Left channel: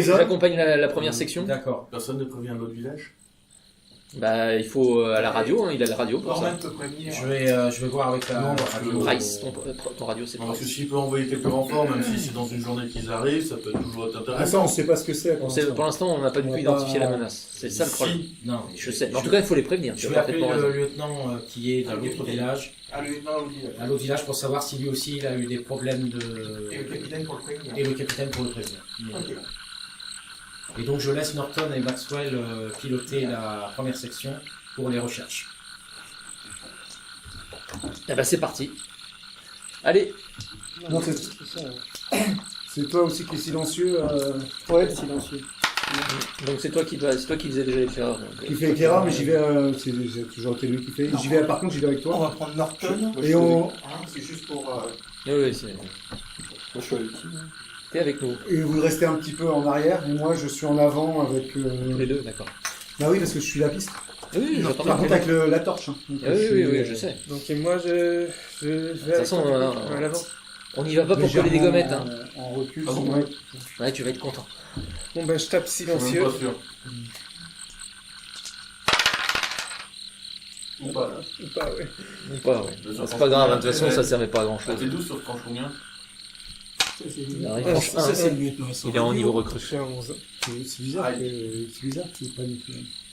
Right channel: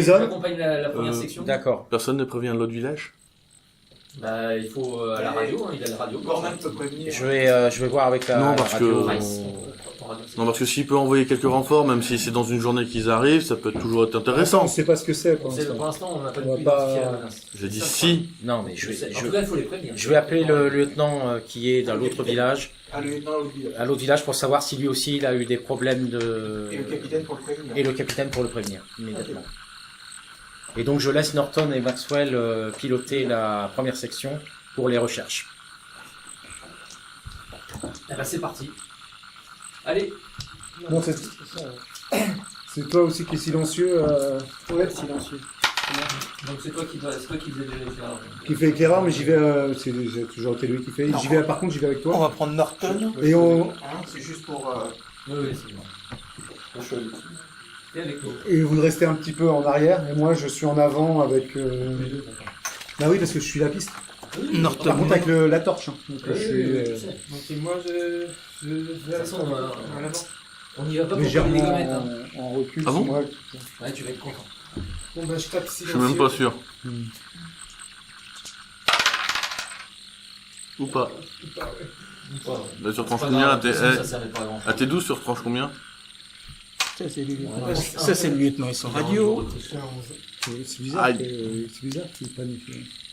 les hommes. j'accompagne la première section. D'accord. Personne ne prévient l'autre village? Bah, il faut à la radio, hein, il a la radio. pour ça. Norman peut prévenir. Je vais voir avec la Non, parce radio. que- Rice, ton radio, c'est Non, parce que s'il peut envoyer quelques renforts, même si c'est dans une journée qu'ils arrivent, ça peut toujours être Attends, intéressant. on sait pas ce que c'est pour Pour l'instant. l'instant, on n'a pas du On tout va pas- identifié la menace. J'ai C'est dit ça le problème. si. Non, mais Je sais. En tout cas, il faut les prévenir. je vais appeler Parfaitement le raison. lieutenant qui est dans l'autre village, Ah, le lieutenant Olivier. à l'autre village, pour savoir si lui aussi il a eu des problèmes de. Et le capitaine pour le prévenir. Et le capitaine pour le prévenir. Immédiatement. Et donc je laisse Norton et Maxwell piloter la première section pour les recherches. Eh ben, c'est parti. Allez. Non, c'est c'est toi aussi qui est silencieux, Ouais, silencieux. Donc c'est toi qui faisais déjà les faire. qui fait éclaireur, mais j'y vais. J'ai toujours été lui qui fait. J'y vais. Par contre, j'y vais avec On toi. va prendre Norton. Et on Hein, c'est juste pour. Oui, c'est bon. Je suis avec T'es avec nous. et vous restez un petit peu en arrière, et moi je suis en avant avec. Les deux, d'accord. Bah oui, parce que je suis la piste. Oui, Norton. Par contre, avec la torche. Hein. Donc, Ah oui, je oui, suis, oui, je sais. Donc, et moi, je vais toute façon, à l'avant. On y va pas pour coller des légèrement gommettes. Hein. en recul. Ah bon ouais. Ouais, tu vas être content. Bon, bah, je tape Je suis même silencieux. pas sûr. Ou pas. Ou pas, ouais. Ou pas, ouais. Mais sur C'est franche pas grave, de combien, toute façon, ça servait pas à grand à chose. tes 12 sur franche combien? Ça, c'est lui. Ouais, Ça, c'est le lieutenant. Ils sont Il est en niveau radio. recrue. Je suis à 11. C'est bizarre. Aïe. C'est bizarre qu'il n'y ait pas de.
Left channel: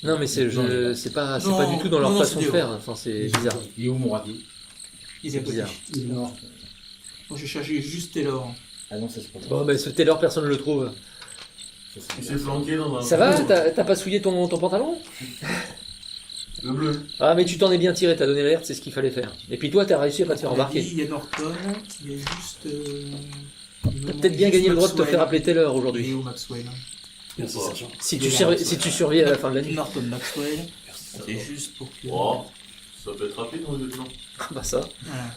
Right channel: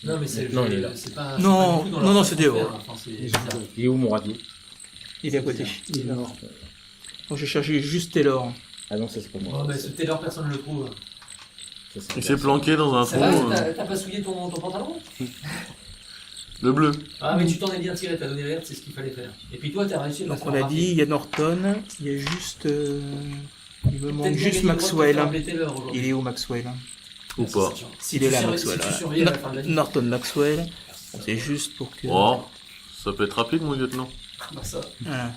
Non, mais c'est Non, il est là. c'est pas Non, du tout dans non, leur non, façon c'est de des faire. Enfin, c'est bizarre. Il est où mon radio? Il est à côté. Il est mort. Moi, j'ai cherché juste Taylor. Ah non, ça c'est pas moi. Bon, bah, ce Taylor, personne ne le trouve. Ça, c'est Il s'est planqué dans un Ça trou, va? T'as pas souillé ton pantalon? Le bleu. Ah, mais tu t'en es bien tiré, t'as donné l'alerte, c'est ce qu'il fallait faire. Et puis toi, t'as réussi à pas te faire On a dit, remarquer. il y a Norton. Il y a juste. Il me manque Peut-être bien juste gagné le droit de te faire Maxwell. appeler Taylor Il aujourd'hui. est où Maxwell? Ou Merci, pas. sergent. Si Il est tu là, surveilles- Maxwell, si tu ouais. surveilles à la fin de la nuit. Norton Maxwell. C'est juste pour que. Oh, ça peut être rapide, mon lieutenant. Bah ça. Voilà.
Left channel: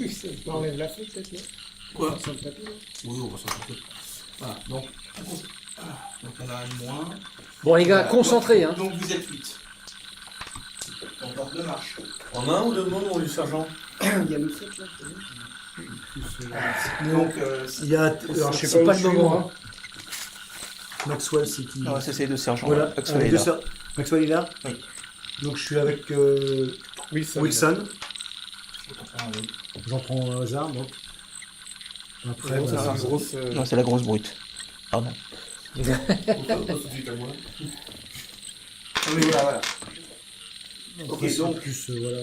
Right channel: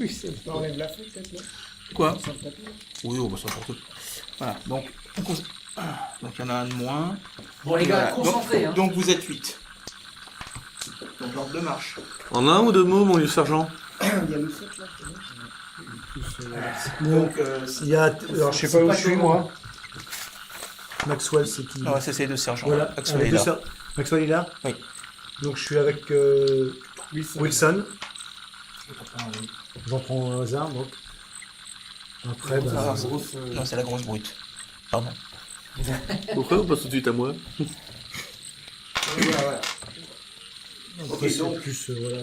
Oui, ça On enlève la feuille, peut-être, là. Quoi? Sur le tapis, là. Oui, on va s'en sortir. Voilà, donc il y en a un de moins. Bon les gars, Voilà. concentrés. Donc, Hein. donc vous êtes 8. Donc l'ordre de marche. En un ou deux mots, mon lieu sergent? Il y a le 7 là. Donc Il y a. Alors, je sais c'est pas où pas je suis, le moi. Maxwell, c'est qui? non, ça c'est deux sergents. Voilà, Maxwell avec est deux là. sœurs. Maxwell est là. Oui. Donc je suis avec Wilson. J'en prends un hasard, donc. Après, Ça bah, va, grosse. Non, c'est la grosse brute. Pardon. Pourquoi on passe tout de suite à moi? Oui, voilà. après, Ok, c'est donc plus, voilà.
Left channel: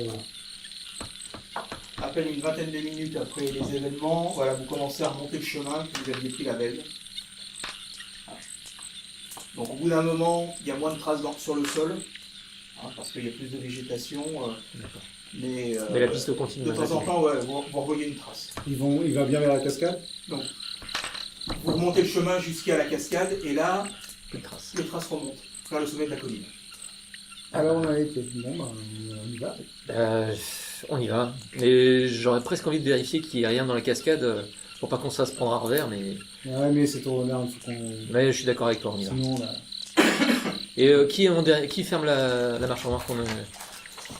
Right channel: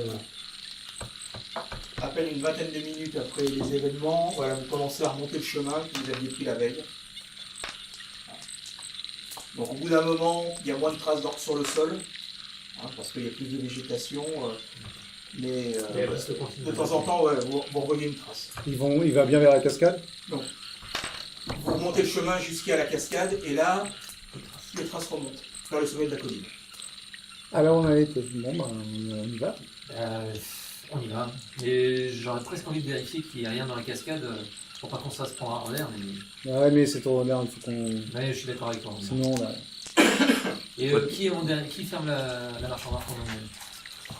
à peine une vingtaine de minutes après les événements, voilà, vous commencez à remonter le chemin que vous aviez pris la veille. Donc au bout d'un moment, il y a moins de traces d'or sur le sol, hein, parce qu'il y a plus de végétation, mais Mais la piste continue. de temps en temps, ouais, vous revoyez une trace. Il va bien vers la cascade. Vous remontez le chemin jusqu'à la cascade, et là, Une trace. les traces remontent vers le sommet de la colline. Alors on a été. Bon, bah, on y va. On y va. Mais j'aurais presque envie de vérifier qu'il n'y a rien dans la cascade pour pas qu'on se fasse prendre à revers. Ouais, mais c'est trop merde, faut qu'on. Mais je suis d'accord avec toi. On y va. Sinon, là. Et qui ferme la marche avant qu'on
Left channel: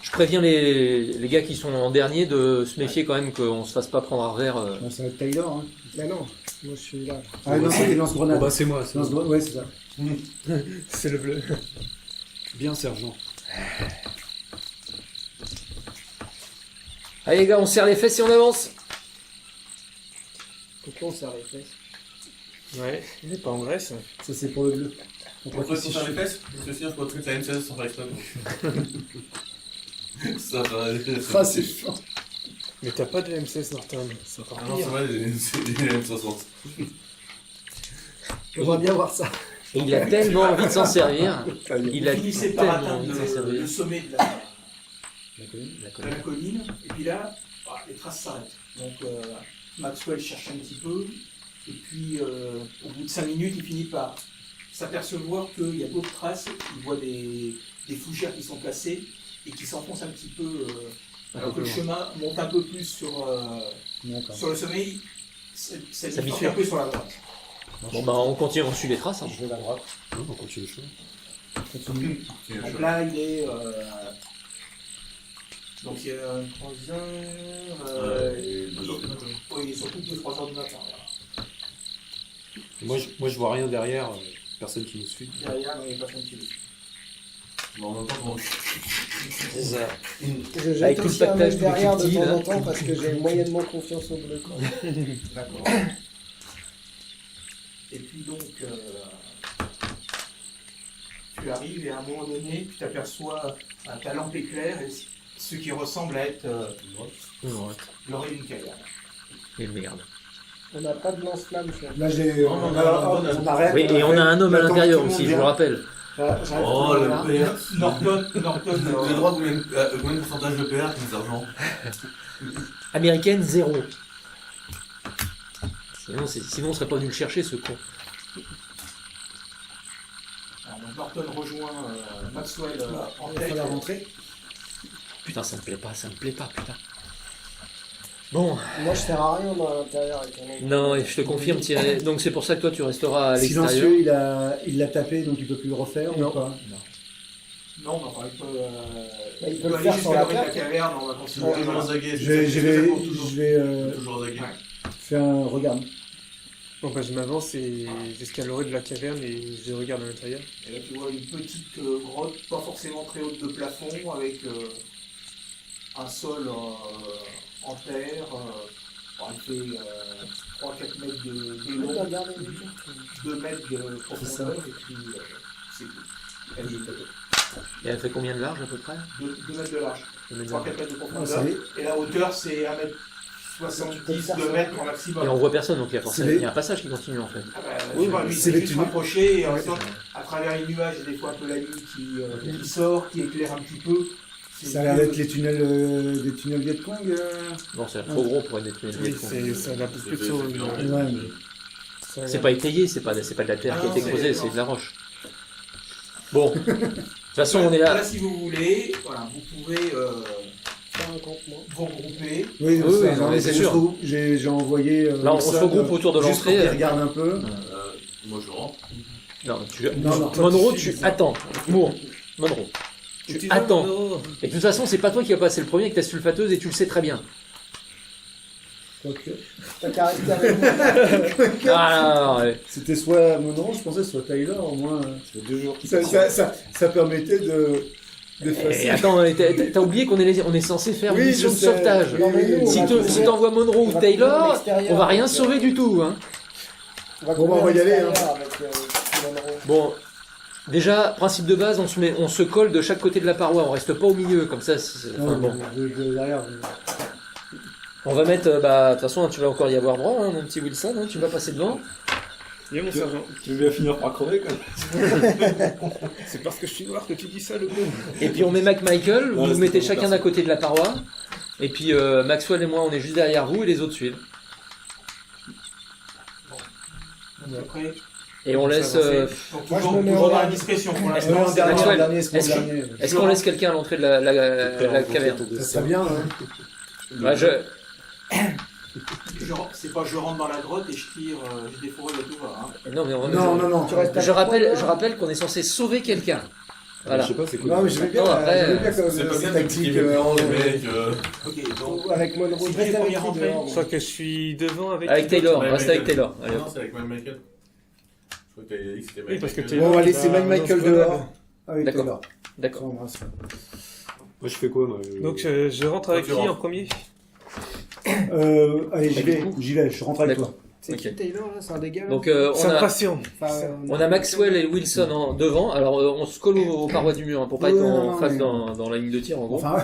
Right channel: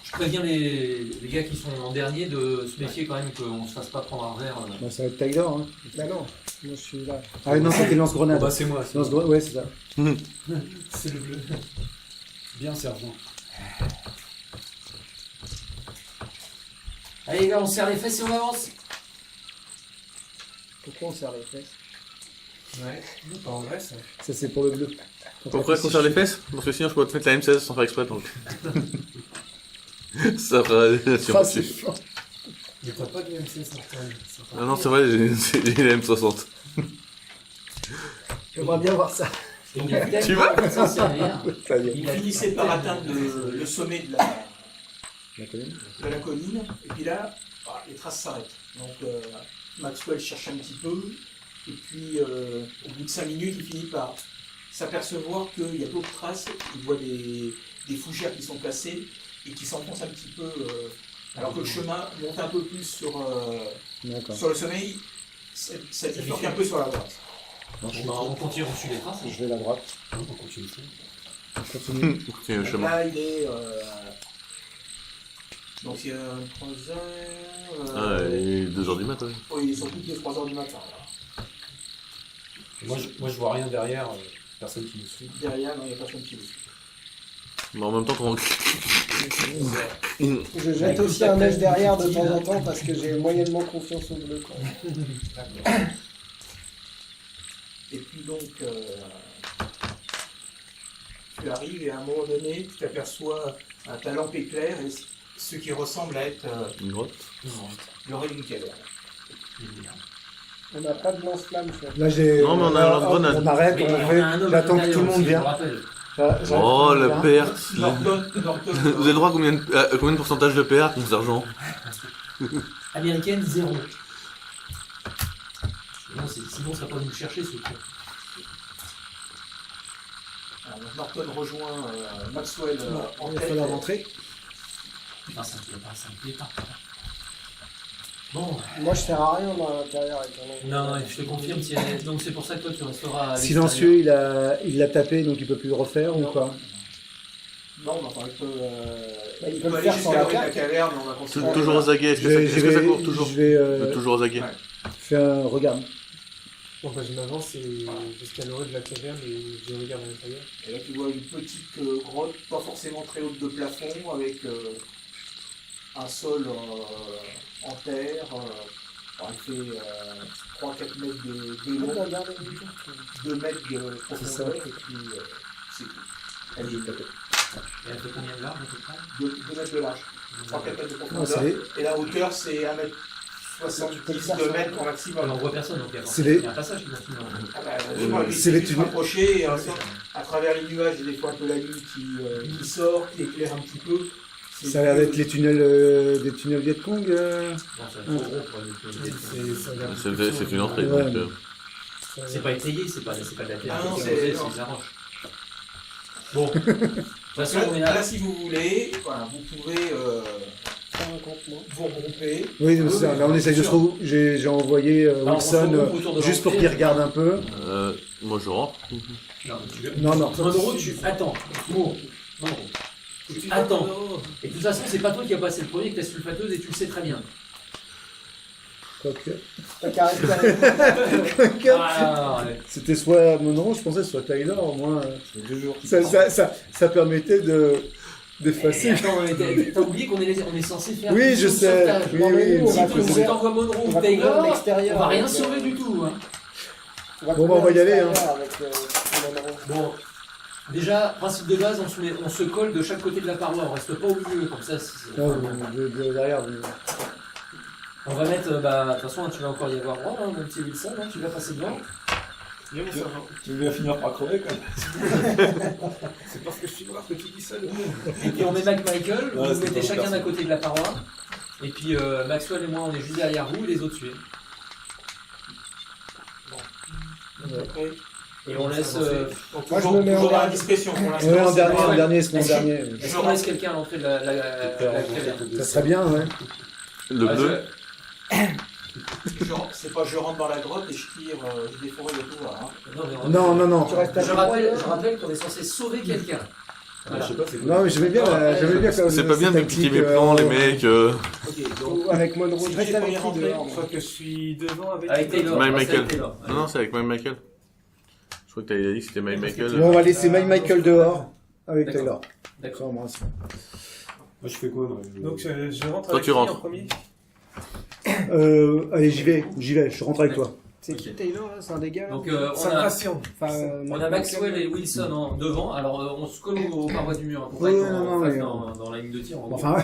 Je préviens les gars qui sont en dernier de se méfier quand même qu'on se fasse pas prendre à revers. Bah, ça va être Tyler. Hein. Bah non, moi je suis là. Ah non, c'était lance-grenade. Bah c'est moi, c'est Lance-grenade, ouais, c'est ça. C'est le bleu. bien sergent. Allez les gars, on serre les fesses et on avance. Pourquoi on serre les fesses? Ouais, mais pas en vrai ça. Ça, c'est pour le bleu. Pourquoi qu'on serre les fesses? Parce que sinon je peux te mettre la M16 sans faire exprès donc. Ça ferait Ah, c'est fort. Mais t'as pas de M16 Norton. Ça va Ah non, pire. c'est vrai, j'ai la M60. J'aimerais bien voir ça. Il a tellement envie de s'en servir. Ça y est. Il Vous a finissez par tellement atteindre envie de s'en servir. le sommet de La colline. la colline, et puis là, les traces s'arrêtent. Donc Maxwell cherche un petit peu, et puis au bout de 5 minutes, il finit par s'apercevoir qu'il y a d'autres traces. Il voit des fougères qui sont placées et qui s'enfoncent un petit peu, alors que le chemin monte un peu plus sur le sommet. Ça bifurque un peu sur la droite. Bon, bah, on continue, on suit les traces. Hein. Je vais à la droite. Non, on continue le chemin. Continue. Tiens, le Donc chemin. là, il est. Donc il y a un croiseur. Il est 2h du matin. Il est sur toutes les 3 heures du matin. Là. Moi je vois rien derrière. Personne qui nous suit. Derrière, non, il n'y a personne qui le suit. Mais en même temps, quand Je jette Avec aussi tout un le œil derrière de tactile. temps en temps parce que j'ai moyennement confiance au bleu. Quoi. D'accord. Et puis donc, tu arrives et à un moment donné, tu t'aperçois ta lampe éclair et ce qui ressemble à être une grotte. l'oreille d'une caverne. Et merde. On n'a pas de lance-flamme, chef. Là, j'ai. Non, mais on a la hop, bonne- on arrête, Oui, et on on fait. a un homme à J'attends que tout l'intérieur le monde aussi, je le vienne. rappelle. J'arrête que tout Oh, monde le vienne. PR. Norton, Vous avez droit à combien de pourcentage de PR, mon sergent? Américaine, 0. Sinon, on serait pas venu le chercher, ce con. Alors, donc Norton rejoint Maxwell en Il va tête. falloir rentrer. Putain, ça me plaît pas, putain. Bon, Moi, je sers à rien dans l'intérieur avec un œil. non, je te confirme, Thierry. Donc c'est pour ça que toi, tu resteras à l'extérieur. Silencieux, il l'a tapé, donc il peut plus le refaire Non. ou pas? Non, mais enfin, il peut, il peut le aller faire jusqu'à sans la l'oreille de carte. caverne, on va C'est considérer. toujours aux aguets. Je vais, Toujours aux aguets. Ouais. faire un regard. Bon, bah, je m'avance et jusqu'à l'oreille de la caverne et je regarde à l'intérieur. Et là, tu vois une petite grotte, pas forcément très haute de plafond, avec un sol en terre. Il fait 3-4 mètres de On peut long, regarder les cartes. 2 mètres de profondeur, et puis c'est tout. Elle est Et elle fait combien de large à peu près 2 mètres de large, 3-4 mètres de Non, profondeur. c'est Et la hauteur, c'est 1 mètre 70, 2 mètres au Et maximum. on voit personne, donc il y a C'est forcément les- il y a un passage qui continue en fait. Ah bah, oui, moi, lui, C'est il les suffit de se tunnels. rapprocher et ensuite, à travers les nuages, il y a des fois un peu la lune qui sort, qui éclaire un petit peu. C'est ça a l'air d'être les tunnels des tunnels Vietcong. Non, c'est trop gros pour être Oui, ça a l'air C'est plutôt sur une entrée. Ouais, donc, mais- ça a C'est l'air- pas étayé, c'est pas de la terre Ah qui a non, été c'est- creusée, non. c'est de la roche. Bon, de toute façon, on est Là, là. si vous voulez, voilà, vous pouvez Faire un campement. vous regrouper. Oui, Oui, ça, oui, là on bien essaie de sûr. se retrouver. J'ai envoyé Bah, on se Wilson regroupe autour de juste pour l'entrée. qu'il regarde un peu. Moi, je rentre. Non, non. Monroe, tu attends. Monroe, tu attends. Et de toute façon, c'est pas toi qui vas passer le premier avec ta sulfateuse et tu le sais très bien. Quoique. T'as qu'à rester avec moi. Ah, ouais. C'était soit Monroe, je pensais, soit Tyler, au moins. Ça fait 2 jours qu'il Ça permettait d'effacer. Et attends, t'as oublié qu'on est censé faire Oui, une je mission de sais. sauvetage. Oui, Non, mais oui, nous, on Si va tu couvrir- t'envoies Monroe on ou va couvrir Taylor, l'extérieur on va rien avec, sauver du tout. Hein. On va Bon, bah, on va couvrir y aller, l'extérieur avec Monroe. Bon, déjà, principe de base, on se colle de chaque côté de la paroi, on reste pas au milieu, comme ça. Non, Enfin, bon. derrière. On va mettre, de toute façon, tu vas encore y avoir droit, hein, mon petit Wilson, hein, tu vas passer devant. Et mon sergent. Tu vas finir par crever quand même. C'est parce que je suis noir que tu dis ça, le Et puis on met Michael, Non, vous c'est mettez pas chacun personne. d'un côté de la paroi. Et puis Maxwell et moi, on est juste derrière vous et les autres suivent. Après, Et on laisse. donc, Moi, je toujours, me mets toujours en dans la dernier. discrétion. Pour l'instant, Ouais, en c'est dernier, pas- en dernier, c'est mon Est-ce que- dernier. Est-ce qu'on laisse quelqu'un à l'entrée de la caverne Ça serait bien, ouais. Le Bah, bleu. C'est pas je rentre dans la grotte et je tire, je défouraille à tout va. Non, mais on va- Non, non. Tu restes Je avec moi, rappelle, là je rappelle qu'on est censé sauver quelqu'un. Voilà. Je sais pas, c'est quoi. Non, mais j'aimais bien, Non, après, comme C'est pas cette bien tactique. d'expliquer les mecs. Ok, donc Avec Monroe. Si Je tu reste es avec premier qui rentré, dehors? Je moi. crois que je suis devant avec... Avec Taylor, Mike reste avec Michael. Taylor. Non, non, c'est avec Mike Michael. Je crois que t'as dit que c'était Mike parce que Michael. Bon, on va laisser Mike Michael non, dehors. Avec D'accord. Taylor. D'accord. Ça embrasse. Moi, je fais quoi, moi Donc je rentre Toi, avec tu qui rentres. en premier? Allez, j'y vais, je rentre avec toi. C'est qui Taylor là? C'est un dégât là? Donc C'est impatient. Enfin, on a Maxwell et Wilson devant. Alors on se colle aux parois du mur hein, pour pas Ouais, qu'on non, fasse mais- dans la ligne de tir. En gros. Enfin,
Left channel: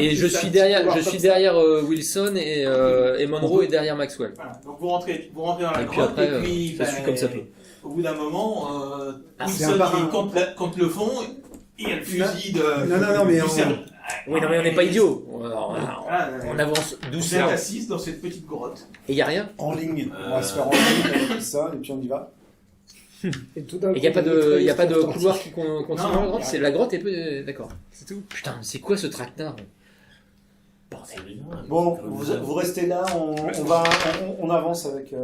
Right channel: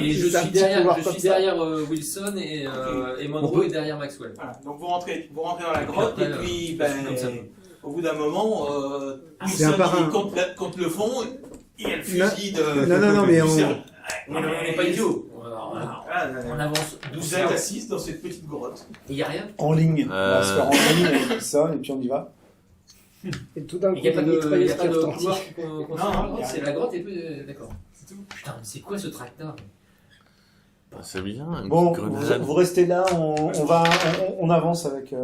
Et je c'est un suis petit derrière, pouvoir je comme suis ça. derrière Wilson et Monroe est derrière Maxwell. voilà. Donc vous rentrez dans la Et puis grotte après, et puis ça suit comme ça. au bout d'un moment, C'est un Wilson par un. il contre le fond et il y a le fusil de. Non, mais du on- cerveau. Oui, non, mais on n'est pas idiots. Ah, On avance Vous doucement. êtes assis dans cette petite grotte. Et il n'y a rien. En ligne. On va se faire en ligne avec ça, et puis on y va. Et tout d'un coup, Il n'y a pas t'as de, mitrailleuse y a pas qui de retentit. couloir qui continue Non, dans la grotte. y a C'est rien. la grotte et peu. D'accord. C'est tout. Putain, mais c'est quoi ce tracteur? C'est bien. Bon, vous restez là, on avance avec.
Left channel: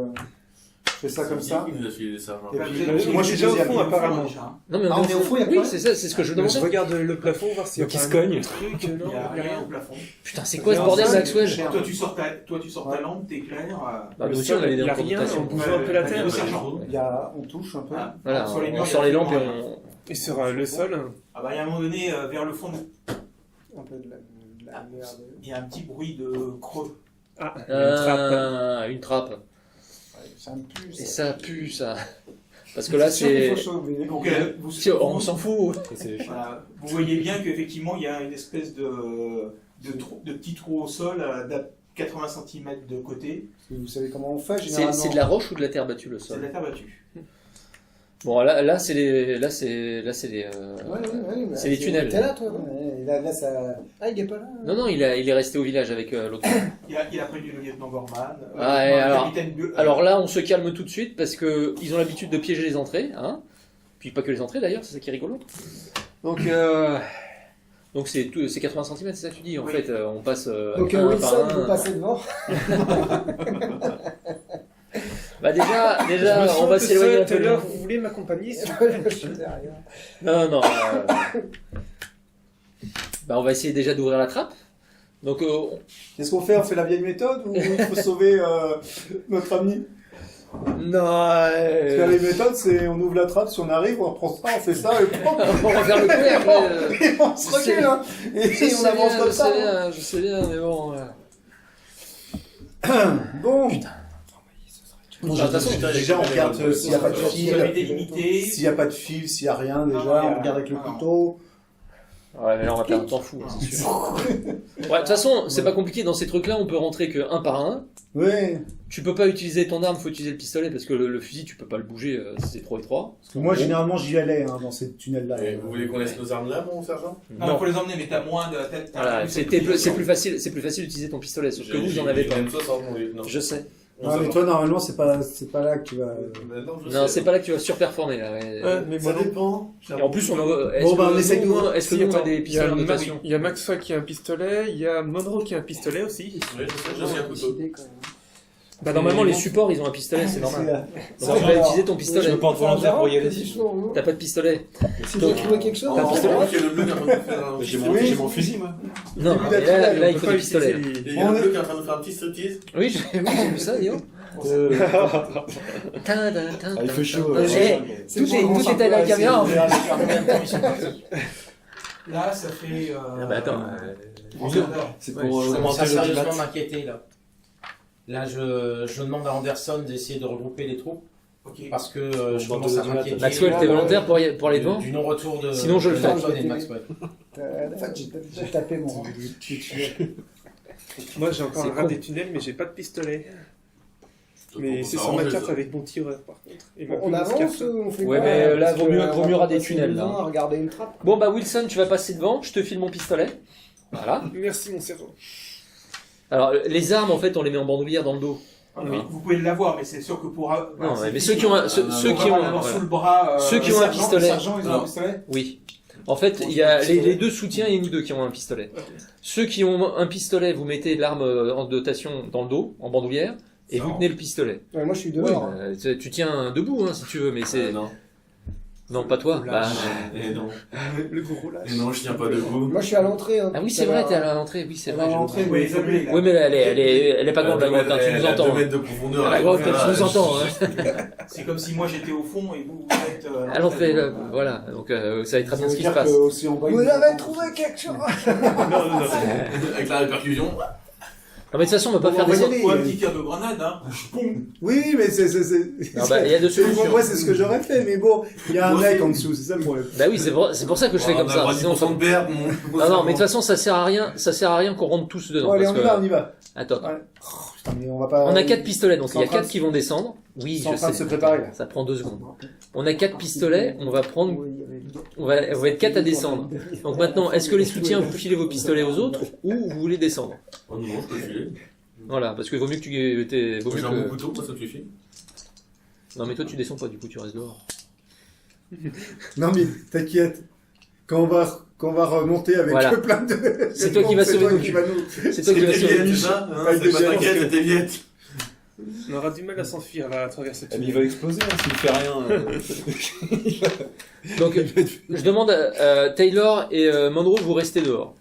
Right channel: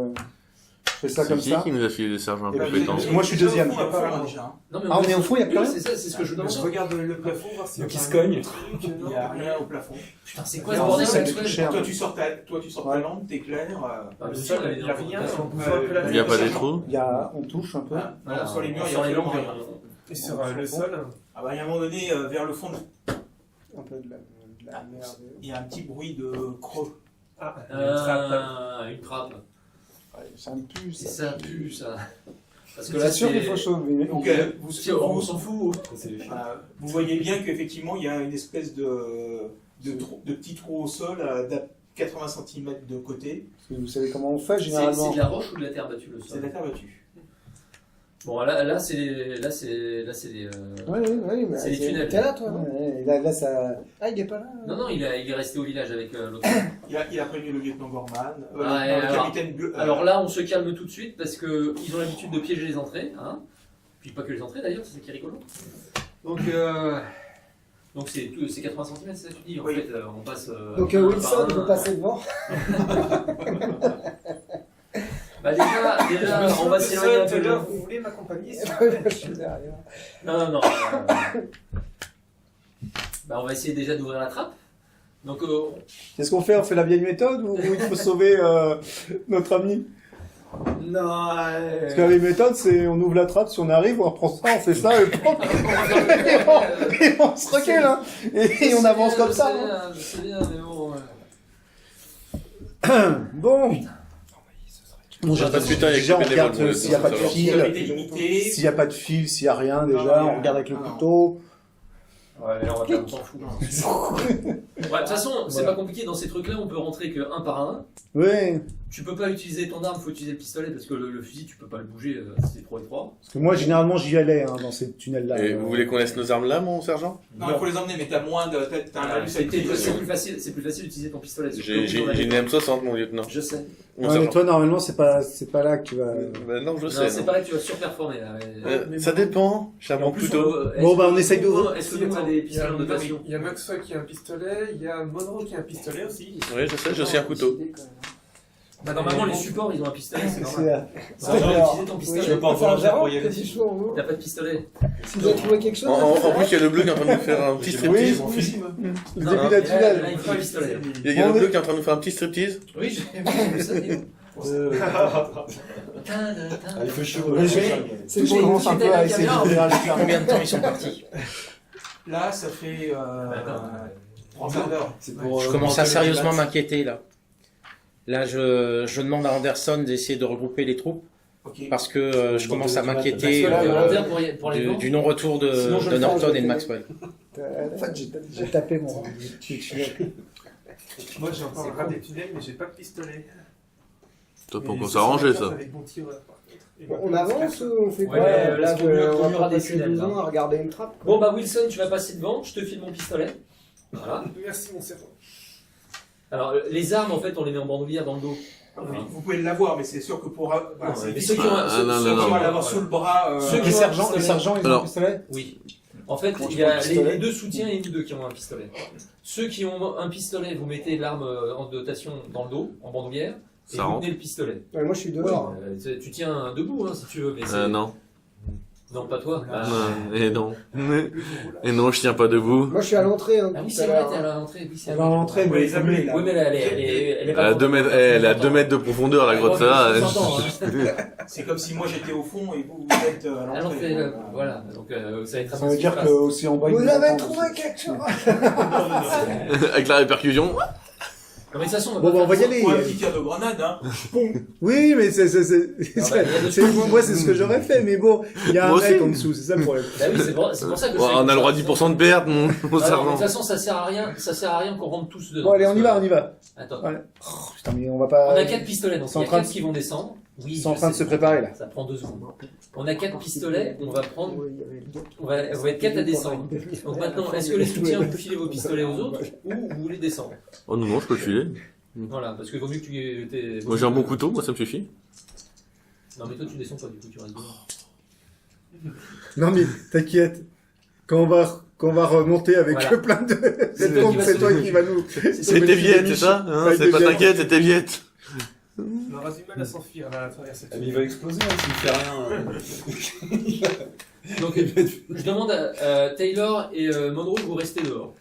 fais ça comme C'est ça. qui nous a filé les sergents Et puis, compétents moi, je suis deuxième. Déjà, apparemment. déjà. Non, mais Ah, on est au fond, il y a oui, plus rien c'est ça, c'est ce que je demande. Je regarde le plafond, voir s'il y a Donc, il pas se un cogne. truc, Il n'y a rien au plafond. Putain, c'est quoi ce Non, bordel, c'est Maxwell cher. Toi, tu sors ta Ouais. lampe, t'éclaires. Bah, Le le sol, sol, il n'y a est rien, en on bouge un peu la Il n'y a terre. pas aussi. des trous. On touche un peu. Voilà, Sur les murs, sur il y les a langues. vraiment Et sur le sol, Ah bah, il y a un moment donné, vers le fond, Un peu de la merde. il y a un petit bruit de creux. ah, une trappe. Une trappe. Ouais, ça me pue, Et ça. ça pue, ça. Parce que là, C'est sûr qu'il faut c'est. sauver. Donc, vous, Tiens, on s'en fout. C'est chiant. voilà, vous voyez bien qu'effectivement, il y a une espèce de petit trou au sol d'à 80 cm de côté. Parce que vous savez comment on fait C'est généralement. de la roche ou de la terre battue, le C'est de sol? la terre battue. Bon, là, c'est les. Là, c'est les. Oui, mais C'est les tunnels. T'es là, toi, non Ouais, et là, ça. Ah, il est pas là. Non, il est resté au village avec l'autre. Il a prévenu le lieutenant Gorman, Ah, et le alors- capitaine Alors là, on se calme tout de suite parce que ils ont l'habitude de piéger les entrées, hein. Puis pas que les entrées d'ailleurs, c'est ça qui est rigolo. Donc c'est 80 cm, c'est ça que tu dis. En Oui. fait, on passe. Donc un Wilson par un. veut passer devant. Bah déjà, Je me on va sens s'éloigner un tout peu. seul, vous voulez m'accompagner s'il vous plaît Je suis derrière. Non. Bah on va essayer déjà d'ouvrir la trappe. Donc Qu'est-ce qu'on fait? On fait la vieille méthode ou il faut sauver notre ami? non. Parce que la vieille méthode, c'est on ouvre la trappe, si on arrive, on reprend ça, on fait ça, et pop, On va faire le tour, mais, et on se recule, hein. Et on avance comme ça. hein. Je sais bien, mais bon. Bon. Bon, Attends, putain, déjà, on il y a regarde des s'il n'y a pas de Vous fil. avez limité. S'il n'y a pas de fil, s'il n'y a rien, Non, déjà, non, on regarde avec le non. couteau. Ouais, mais là, on va perdre un temps fou. c'est sûr. Ouais, de toute façon, c'est pas compliqué. Dans ces trucs-là, on peut rentrer que un par un. Ouais. Tu peux pas utiliser ton arme, faut utiliser le pistolet parce que le fusil, tu peux pas le bouger, c'est trop étroit. Parce que moi, généralement, j'y allais hein, dans ces tunnels-là. Et vous voulez qu'on laisse nos armes là, mon sergent? Non, il faut les emmener, mais t'as moins de. Voilà, c'est plus facile d'utiliser ton pistolet. Sauf que J'ai vous, j'ai j'en avais une pas. M60, mon lieutenant. Je sais. Mon Non, mais sergent. toi, normalement, c'est pas là que tu vas. Bah non, je Non, sais. c'est pas là que tu vas surperformer là. Ouais. Ça dépend. Et en plus, Bon, bah, on essaye d'ouvrir. Est-ce que Si, nous, on a attends, des il y a pistolets en Max- dotation? il y a Maxwell qui a un pistolet, il y a Monroe qui a un pistolet aussi. Oui, je sais, j'ai aussi un couteau. Bah, normalement, les supports, ils ont un pistolet, c'est normal. C'est Donc, tu vas utiliser ton pistolet. Je veux pas volontaire pour y aller dessus. T'as pas de pistolet. Si tu dois trouver quelque chose, En on plus, fait il y a le bleu qui est en train de nous faire un petit J'ai striptease. j'ai mon fusil, moi. le Non, début non, d'un là, tunnel. là, il faut le pistolet. Il y a On le est- bleu qui est en train de nous faire un petit striptease. Oui, j'ai vu ça, Néo. Ah, il fait chaud. Mais là. j'ai- C'est bon, on commence un peu à essayer d'ouvrir la lucarne. Combien de temps ils sont partis? Là, ça fait. bah, attends. 3 quarts d'heure. C'est Je pour commence à augmenter le sérieusement dimat. m'inquiéter là. Là, je demande à Anderson d'essayer de regrouper les troupes Ok. parce que je commence à m'inquiéter Maxwell, t'es volontaire pour aller devant? du non-retour de, Sinon, je de le fais, Norton je et de le Maxwell. En fait, j'ai tapé mon tunnel. Moi j'ai encore C'est un rat con. des tunnels, mais j'ai pas de pistolet. Toi, Mais pour c'est sur ma s'arranger, carte ça. avec mon tireur par contre. Et ma On petite avance carte. ou on fait Ouais, quoi mais là, Parce vaut que mieux- on vaut va mieux pas rater passer tunnel, 2 là. ans à regarder une trappe. Bon, bah, Wilson, tu vas passer devant, je te file mon pistolet. Voilà. Merci mon sergent. Alors, les armes, en fait, on les met en bandoulière dans le dos. Vous pouvez l'avoir, mais c'est sûr que pour. Non, c'est mais ceux difficile. qui ont non, Ceux non, qui non, vont l'avoir sous le bras. Ceux qui Les ont un sergents, pistolet. ils ont un Alors. pistolet? Oui. En fait, Bon, il je y prends a le pistolet. les deux soutiens et nous deux qui ont un pistolet. Ceux qui ont un pistolet, vous mettez l'arme en dotation dans le dos, en bandoulière, et Ça vous rend. tenez le pistolet. Ouais, moi je suis dehors. hein. Tu tiens debout, hein, si tu veux, mais c'est... Non. Non, pas toi. Bah, Et non. Le gros là. Et non, je tiens pas debout. Moi je suis à l'entrée. Hein, Ah oui, tout c'est à vrai, l'heure. t'es à l'entrée. Oui, c'est Elle vrai. va rentrer, Vous mais les appelez là. Oui, mais elle est pas Elle a grande, 2 mètres, hein, tu elle nous a entends, 2 hein. mètres de profondeur, la Ah, grotte ouais, là. je vous entends, hein. C'est comme si moi j'étais au fond et vous êtes à À l'entrée, là, voilà. Donc, ça va être très ça bien veut ce qui se dire passe. qu'aussi en bas, Vous ils avez nous trouvé quelque chose Avec la répercussion. Non, mais de toute façon, on va Bon, pas on va y faire aller. Ou un petit tir de grenade, hein. Oui, mais c'est. Ah bah, il y a de tout. Moi, c'est ce que j'aurais fait, mais bon, il y a un Moi mec aussi. en dessous, c'est ça le problème. Bah oui, c'est pour ça que je fais On comme a ça. le droit à Sinon- 10% de perte, mon Ah non, mais de sergent. toute façon, ça sert à rien qu'on rentre tous dedans. Bon, allez, parce on y que- va, on y va. Attends. Ouais. Oh, putain, mais on va pas. On a 4 pistolets, donc C'est il y en a train 4 qui vont descendre. Oui, C'est en je train de sais. se préparer là. Ça prend 2 secondes. On a 4 pistolets, on va prendre. On va être 4 à descendre. Donc maintenant, est-ce que les soutiens, vous filez vos pistolets aux autres ou vous voulez descendre? Oh non, non, je peux le filer. Voilà, parce qu'il vaut mieux que tu. Moi, j'ai un bon couteau, moi ça me suffit. Non, mais toi tu descends pas, du coup tu restes dehors. Non, mais t'inquiète. Quand on va remonter avec Voilà. plein de. C'est toi qui vas c'est toi sauver. qui va nous. C'est toi qui C'était vas Viette, sauver. c'est ça hein? Pas C'est de pas Viette. t'inquiète, c'était Viette. On aura du mal à s'enfuir à travers cette Ah, mais il va exploser hein, s'il fait rien. Donc, je demande à Taylor et Monroe, vous restez dehors.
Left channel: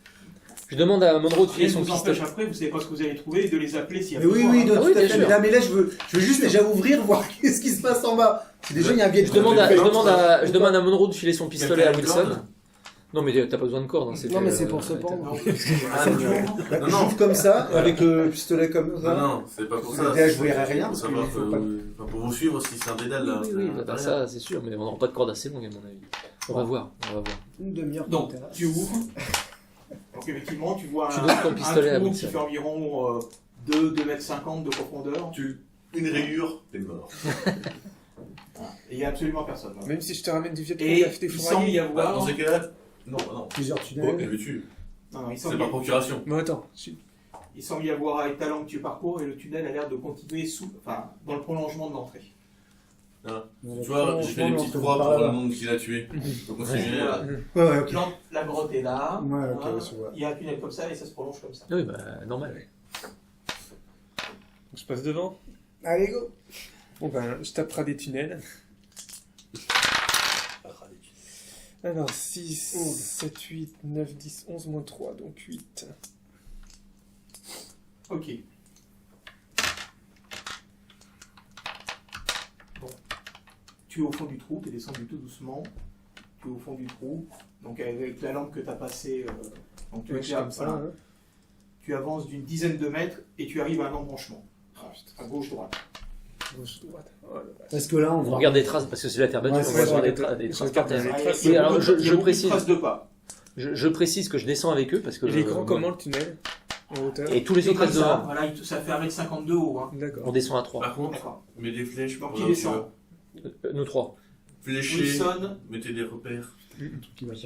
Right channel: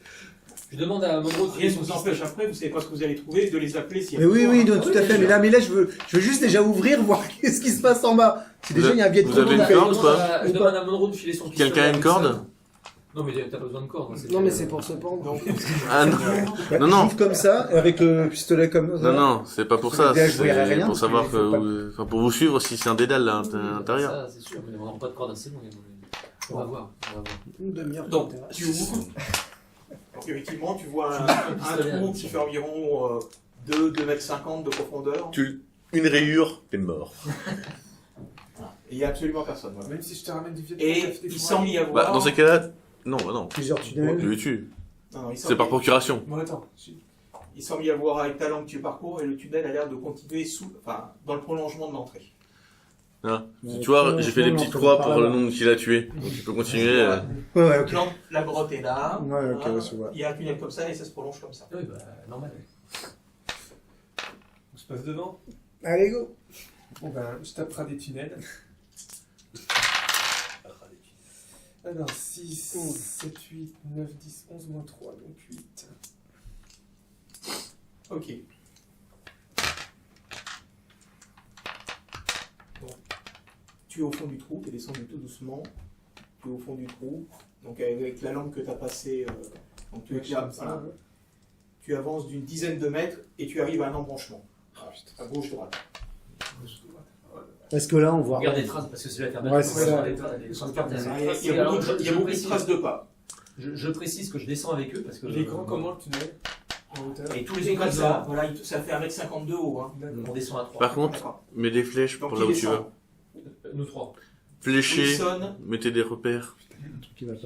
Je demande à Monroe de filer Rien ne son vous pistolet. empêche après, vous savez pas ce que vous allez trouver, de les appeler s'il y a Mais oui, besoin, oui, hein. non, Ah tout oui, à bien fait. sûr. Mais là, je veux juste déjà ouvrir, voir qu'est-ce qui se passe en bas. Si déjà il y a un billet de Je Vous avez demande, une à, je corde, demande à- je demande à Monroe de filer son pistolet. Quelqu'un a à une Wilson. corde? Non, mais t'as pas besoin de corde. Hein, Non, mais c'est pour se pendre. Donc, Ah, non. Bah, Non, non. j'ouvre comme ça, avec le pistolet comme ça. Non, non, c'est pas pour ça. Déjà, je c'est verrai rien, Pour parce savoir qu'il faut pas- enfin, pour vous suivre si c'est un dédale là, Oui, à oui, l'intérieur. ça, c'est sûr, mais on n'aura pas de corde assez longue à mon avis. On va voir. Une demi-heure. donc t'intéresse. tu ouvres. Donc effectivement, tu vois Tu un donnes ton pistolet à trou Wilson. qui fait environ 2,50 m de profondeur. Une rayure, t'es mort. Et il n'y a absolument personne. voilà. Même si je te ramène du vieux Et t'as fait des il semble y fourrailles. Bah, avoir. dans ces cas-là, non, bah non. Plusieurs Il tunnels. le tue. Non, non, il C'est semble par procuration. Bon, attends. Il semble y avoir avec talent que tu parcours et le tunnel a l'air de continuer dans le prolongement de l'entrée. Tu vois, j'ai fait des petites croix pour le monde qui l'a tué. Tu peux continuer. Voilà. Ouais, ouais, ok. Donc, la grotte est là. Ouais, ok, Voilà. ouais, je vois. Il y a un tunnel comme ça et ça se prolonge comme ça. Oui, bah, normal. Je passe devant. Allez, go. Bon ben, je taperai des tunnels. Alors, 6, 7, 8, 9, 10, 11, moins 3, donc 8. Ok. Bon. Tu es au fond du trou, tu es descendu tout doucement. Tu es au fond du trou. Donc avec la lampe que tu as passée, donc tu, Ouais, éclaires, comme ça, voilà. ouais. Tu avances d'une dizaine de mètres et tu arrives à un embranchement. À gauche-droite. Gauche, droite. Oh là là. Est-ce que là, on voit. Regarde des traces parce que c'est la terre Ouais, battue. c'est on ça. voit des traces par terre. Ah, il y a Alors, beaucoup de- il y a beaucoup de précise- traces de pas. Je précise que je descends avec eux parce que. Il est grand comment le tunnel en hauteur? Et tous les C'est autres comme restent ça, devant. voilà, ça fait 1,52 m haut. Hein. On D'accord. descend à 3. Par contre, D'accord. mets des flèches Donc pour il là où tu descend. vas. Nous 3. Fléchez, Wilson, mettez des repères. Un truc qui va pas.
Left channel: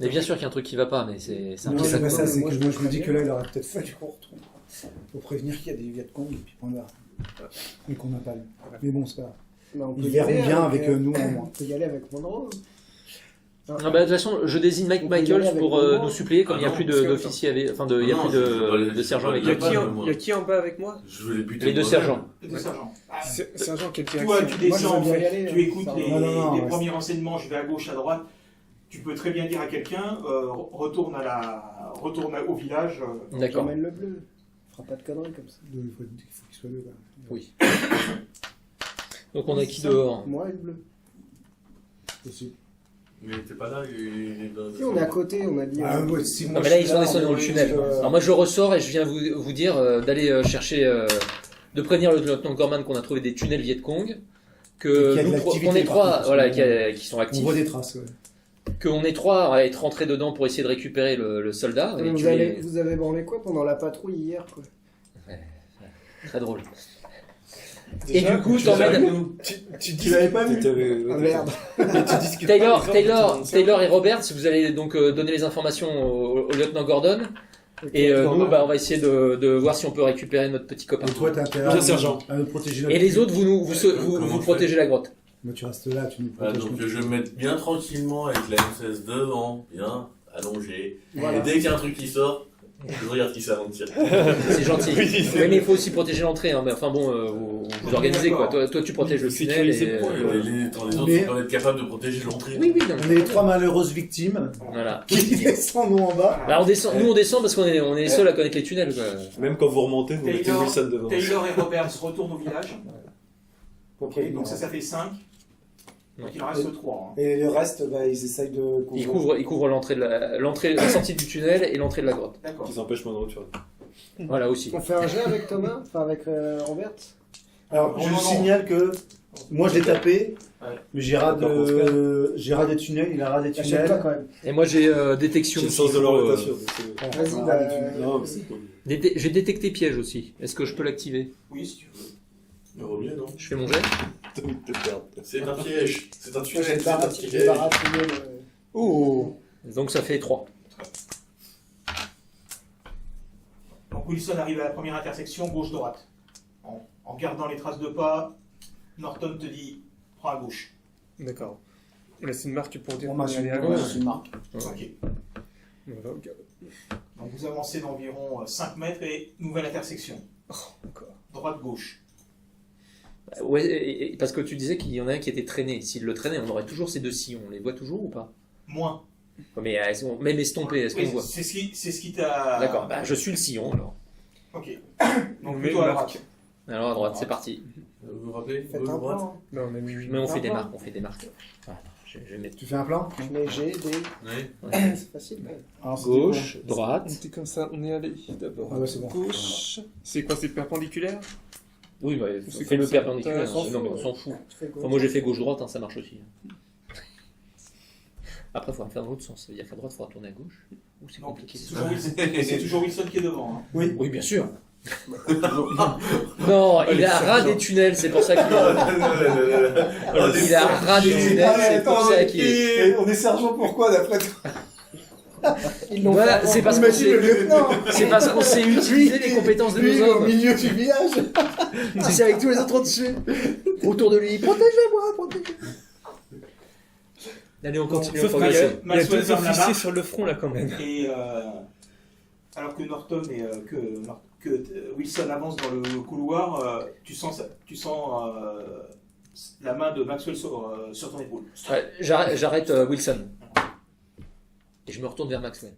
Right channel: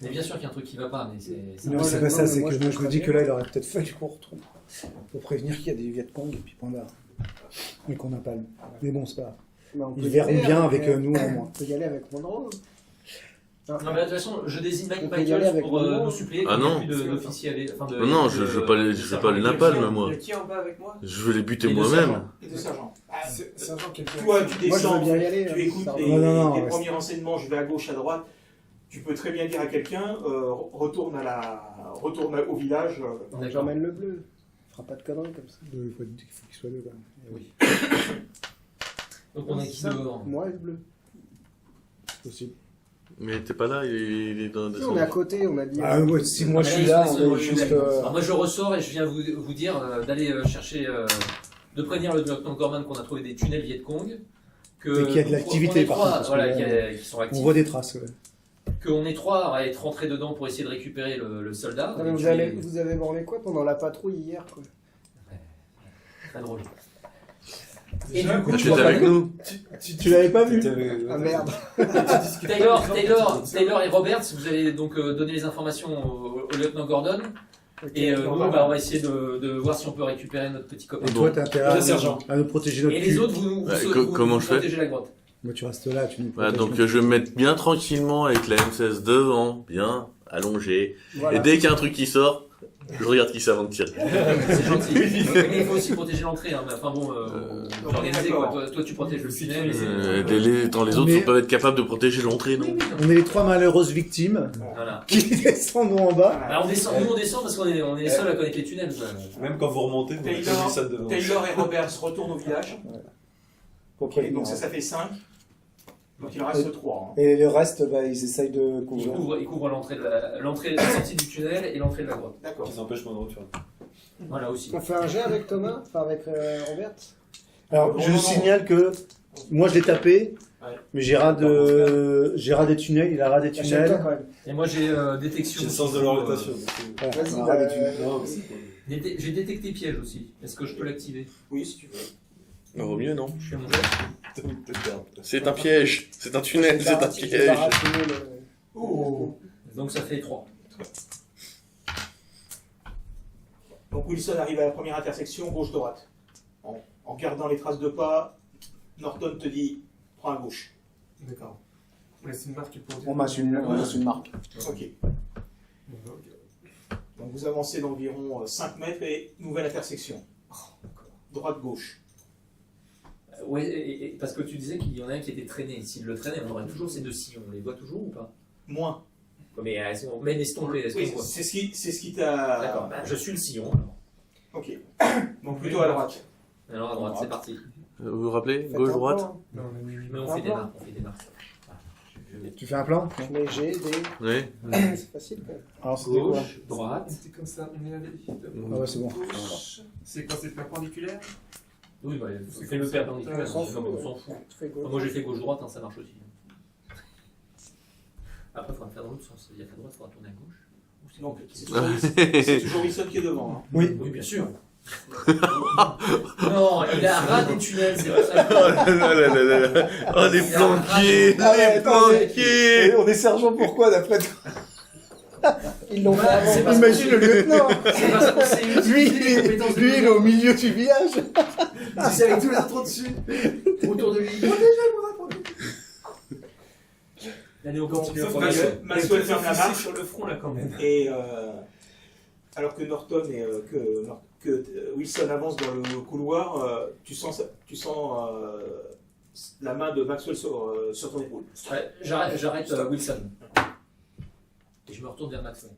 Mais bien sûr qu'il y a un truc qui va pas, mais c'est. Non, Ouais, c'est pas ça, mais c'est moi, que je je me dis préviens. que là, il aurait peut-être fallu qu'on retrouve. Pour prévenir qu'il y a des Vietcong et puis point barre. Mais qu'on n'a pas le. Mais bon, c'est pas grave. Bah, on peut Ils y verront aller bien avec nous au On moins. peut y aller avec Monroe. Ah bah, de toute façon, je désigne Mike On peut y aller Michaels avec pour Monroe. nous suppléer comme Ah il n'y a non, plus parce que- d'officiers avec. Enfin, de. Non, il y a non, plus je veux pas les- de je veux sergents pas les avec- Il y a lapins, qui en- moi. il y a qui en bas avec moi? Je veux les buter Les deux moi-même. sergents. les deux sergents. Sergent, quel Toi, tu Moi, descends, j'aimerais bien y aller, tu hein, écoutes ça va. les, Non, les ouais. premiers renseignements, je vais à gauche, à droite. Tu peux très bien dire à quelqu'un, retourne au village. D'accord. J'emmène le bleu. Il fera pas de conneries comme ça. Il faut qu'il soit deux. Quoi. Oui. Donc on est qui dehors? Moi et le bleu. Possible. Mais t'es pas là, il est dans. Si, on est à côté, on a dit. Ah, ouais, si moi Mais je là, suis ils là, sont on dans est le juste. tunnel. Alors moi je ressors et je viens vous dire d'aller chercher, de prévenir le lieutenant Corman qu'on a trouvé des tunnels Vietcong, que Et qu'il y a de nous, l'activité, qu'on est par trois, contre, parce voilà, que qui sont On actifs, voit des traces, ouais. qu'on est trois à être rentrés dedans pour essayer de récupérer le soldat. Non, mais et vous, tuer- vous avez branlé quoi pendant la patrouille hier quoi? Très drôle. Déjà, et du coup, Tu t'en es avec vas- nous. Tu l'avais pas vu? Ah merde. Taylor et Robert, si vous allez donc donner les informations au lieutenant Gordon, et nous, bah, on va essayer de voir si on peut récupérer notre petit copain. Et toi, t'as intérêt Bien, sergent. à nous protéger notre Et les cul. autres, vous Bah, comment vous je fais protégez la grotte. Moi, tu restes là, tu nous Voilà, protèges. donc notre je vais me mettre bien tranquillement avec la M16 devant, bien allongé. Voilà. Et dès qu'il y a un truc qui sort, je regarde qui ça avant de tirer. C'est gentil. Mais il faut aussi protéger l'entrée. Hein. Enfin bon, vous organisez quoi. Toi, tu protèges le tunnel. Et, Les autres Mais- peuvent être capables de protéger l'entrée. Oui, non oui. non. On est les trois malheureuses victimes Voilà. qui descendent nous en bas. Bah, on descend parce qu'on est les seuls à connaître les tunnels. Quoi. Même quand vous remontez, vous mettez Taylor, Wilson devant. Taylor et Roberts retournent au village. Pour Ok, prévenir. donc ça fait 5. Donc il en reste 3. Et le reste, bah, ils essayent de Il couvre l'entrée, la sortie du tunnel et l'entrée de la grotte. D'accord. Qui s'empêche moins de retour. Voilà aussi. On fait un jet avec Thomas, enfin avec Robert. Alors, Non, je non, signale que moi, je l'ai tapé, Ouais. mais j'ai ras des tunnels, il a ras des Achète-toi tunnels. quand même. Et moi j'ai détection. J'ai le sens de aussi, l'orientation. Ouais, Vas-y, on a bah, ras des tunnels. Non, mais c'est cool. J'ai détecté piège aussi. Est-ce que je peux l'activer? Oui, si tu veux. Ça vaut mieux, non Je fais mon jet. T'as envie de te perdre. C'est un piège, c'est un Je tunnel, c'est un vais piège. baratiner le. Oh. Donc ça fait 3. Donc Wilson arrive à la première intersection, gauche-droite. En gardant les traces de pas, Norton te dit prends à gauche. D'accord. Là, c'est une marque pour dire. On m'a qu'on est à on gauche. m'a une marque. Ok. On va regarder. Donc vous avancez d'environ 5 mètres et nouvelle intersection. D'accord. Droite-gauche. Ouais, parce que tu disais qu'il y en a un qui était traîné. S'il le traînait, on aurait toujours ces deux sillons. On les voit toujours ou pas? Moins. Mais elles sont même estompées, est-ce qu'on Oui, voit? c'est ce qui t'a. D'accord, bah, je suis le sillon alors. Ok. Donc plutôt à droite. Alors à droite, c'est parti. Vous vous rappelez? Faites Gauche, un droite? plan. Mais on a mis 8. Mais on Un fait des plan. marques, on fait des marques. Voilà, je vais mettre Tu fais un plan? Je mets G, D. Oui. C'est facile quand même. Alors, c'était quoi? gauche, droite. On était comme ça, on est allé d'abord. Ah ouais, c'est bon. Gauche. C'est quoi, c'est perpendiculaire? Oui, bah, C'est fais le comme ça. perpendiculaire. On s'en Non, mais on fout, s'en fout. Tu fais gauche. Enfin, moi j'ai fait gauche-droite, hein, ça marche aussi. Après, il faudra me faire dans l'autre sens. C'est-à-dire qu'à droite, il faudra tourner à gauche. Ou c'est Non, compliqué. c'est toujours Wilson qui est devant. Hein. Oui. Oui, bien sûr. Non, il a ras des tunnels, c'est pour ça qu'il Oh, des il a ras des pompiers. tunnels. Ah ouais, c'est pour attends, ça qu'il- Et on est sergent pourquoi d'après toi? Ils l'ont Ouais, fait avant. c'est parce Imagine qu'on le sait- lieutenant. C'est parce qu'on sait Lui, utiliser les compétences de lui, il est nos au hommes. milieu du village. C'est avec tous les autres au-dessus. Autour de lui. Protégez-moi, protégez-moi. Allez, on continue. Sauf on qu'il y continue. a, il y a Maxwell deux ferme la officiers marche. sur le front là quand même. Et alors que Norton et que Wilson avance dans le couloir, tu sens la main de Maxwell sur ton épaule. Ouais, j'arrête Wilson. Et je me retourne vers Maxwell.